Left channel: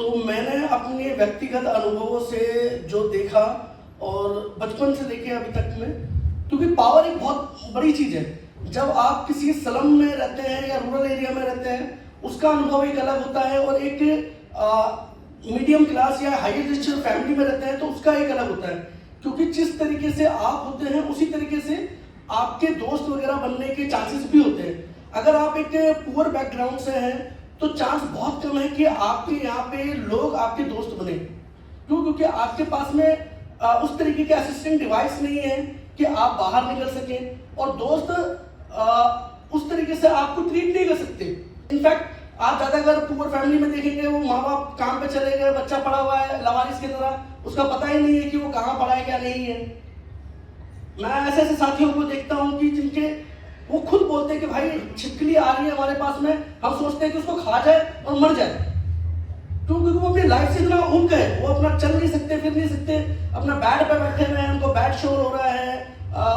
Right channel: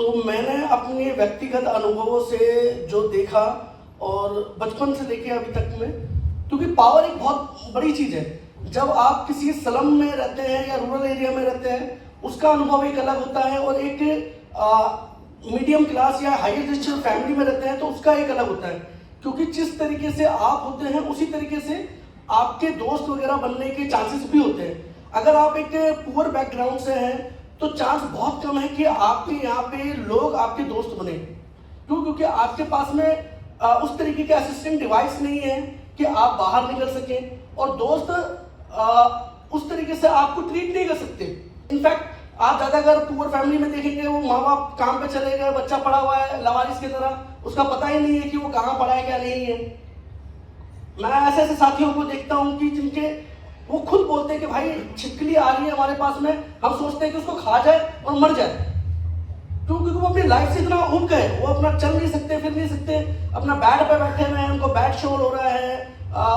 तो मैंने अपने व्यक्तिगत अनुभवों से जो देखा और बचपन से लेके अभी तक में, क्योंकि पावर एक बहुत बड़ी चीज़ है। जब आप किसी स्लम में रहते हैं या रूरल एरिया में रहते हैं, उसका अनुभव एक अलग होता है, और एक मीडियम क्लास या हाई रिच फैमिली में रहते हैं तो उसका एक अलग होता है। क्योंकि जिस तरीके से आप होते हैं उसी तरीके से आपके दोस्त वगैरह बनने के चांसेस भी होते हैं। अगर आप एक पुअर बैकग्राउंड से हैं तो चांस बहुत कम है कि आपके यहाँ पे लोग आपके दोस्त बने। क्यों? क्योंकि आपके पास में उस तरीके के असिस्टेंट डिवाइस नहीं है कि आप बाहर निकल सकें, और दोस्त उस तरीके से आपको ट्रीट नहीं कर सकते। इनफैक्ट आप ज्यादा अगर पुअर फैमिली में देखेंगे, वो माँ बाप काम पे चले गए, बच्चा पड़ा हुआ है लवारिस की तरह, उसका पता ही नहीं है कि वो कहाँ पड़ा है क्या नहीं है। मैं ऐसे ऐसे साथियों को देखता हूँ कि जिनके वो खुद बोलते हैं कि भाई छिपकली आ रही है हमारे पास में, हम सोचते हैं कि उसको खा जाए और मर जाए। क्योंकि वो अपनी लाइफ से इतना ऊब गए, वो अपना चल नहीं सकते, फिर नहीं सकते, अपना बेड पे बैठे हुए हैं, उनको बेड शोर हो रहा है,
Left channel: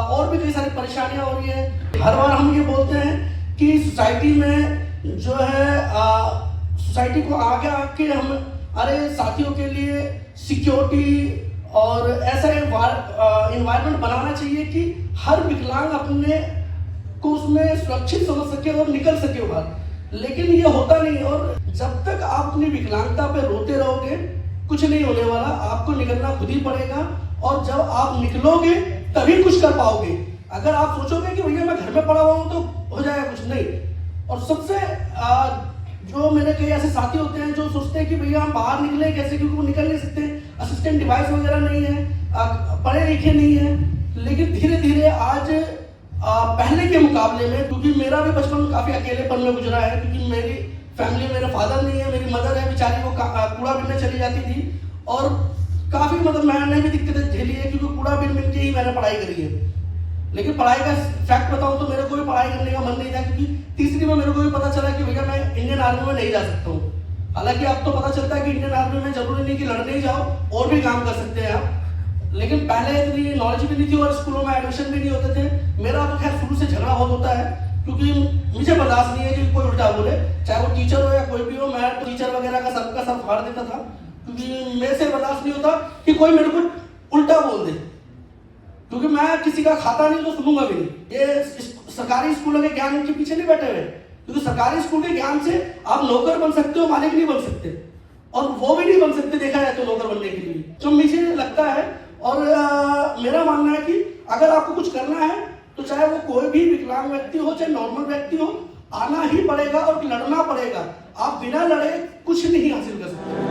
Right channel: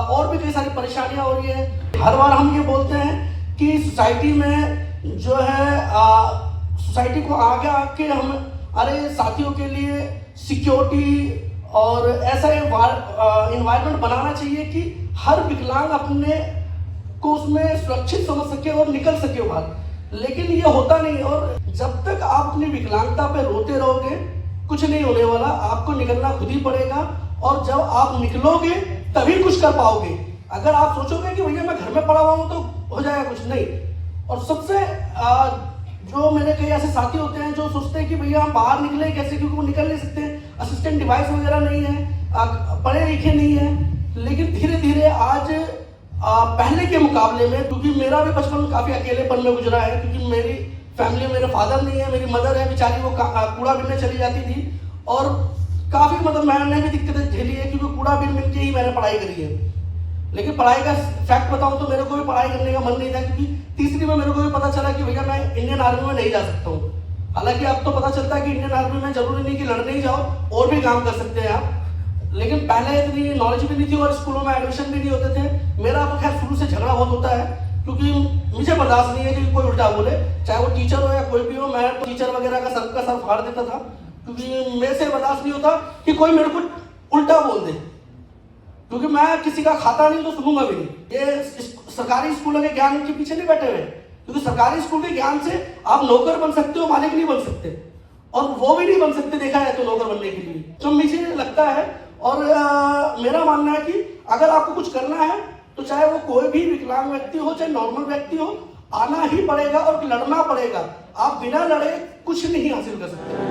और भी कई सारी परेशानियां हो रही है। हर बार हम ये बोलते हैं कि सोसाइटी में जो है सोसाइटी को आगे आके हम अरे साथियों के लिए सिक्योरिटी और ऐसा इन्वायरमेंट बनाना चाहिए कि हर विकलांग अपने को उसमें सुरक्षित समझ सके और निकल सके बाहर। लेकिन ये होता नहीं, और जब तक आप अपनी विकलांगता पे रोते रहोगे कुछ नहीं होने वाला, आपको निकलना खुद ही पड़ेगा। और जब आप निकलोगे तभी कुछ कर पाओगे। अगर आप सोचोगे कि भैया मैं घर में पड़ा हुआ हूं तो हो जाएगा, कुछ नहीं। और सबसे जो मेरे कई ऐसे साथी होते हैं जो सोचते हैं कि भैया हम बाहर निकले कैसे, क्योंकि वो निकल नहीं सकते, असिस्टेंट डिवाइस वगैरह नहीं है, पढ़े लिखे नहीं है। लेकिन धीरे धीरे आज पहले के मुकाबले में, क्योंकि मेरा भी बचपन काफी अकेलेपन में गुजरा है, क्योंकि मेरी फैमिली, मेरे फादर नहीं है, मेरी मदर है बेचारी, वो कूड़ा बीनने चली जाती थी, और काफी मतलब मैंने भी दिक्कतें झेली है, क्योंकि कूड़ा बीन के ही मैंने पढ़ाई करी है। लेकिन पढ़ाई का फैक्ट बताऊं तो मेरे को भी पढ़ाई करने का मन नहीं था, क्योंकि तीसरी में मेरे को भी पता चला कि भैया मैं इंडियन आर्मी में नहीं जा सकता हूँ। हालांकि अब तो पता चलता है कि इंडियन आर्मी में जरूरी नहीं कि लड़ने ही जाओ, और भी काम कर सकते हैं आप। लेकिन पहले इतनी नॉलेज भी नहीं थी और स्कूलों में एडमिशन भी नहीं होते थे। मेरा तो खैर शुरू से झगड़ा बहुत होता है, क्योंकि मुझे बर्दाश्त नहीं है कि कोई उल्टा बोले, चाहे वो टीचर हो या कोई भी हो। मैं तो टीचर वगैरह का सर फाड़ देता था, क्योंकि मेरे से बर्दाश्त नहीं होता कि कोई मेरे को उल्टा बोल दे, क्योंकि मैं किसी का खाता नहीं तो सुनूंगा भी नहीं। ये सरकारी स्कूलों के ज्ञान के पीछे नहीं बैठे हुए, क्योंकि सरकारी स्कूल के ज्ञान से आप नौकर बन सकते हो, मालिक नहीं बन सकते, और वो भी नहीं बन सकते देखा है तो नौकर बनने के लिए। तो मुझे लगता है, और मेरा मानना है कि अगर आपको कुछ करना है तो चाहे वो कोई भी विकलांग व्यक्ति हो चाहे नॉर्मल व्यक्ति हो, आना ही पड़ेगा और लड़ना पड़ेगा। आप बिना लड़े कुछ नहीं हासिल कर सकते।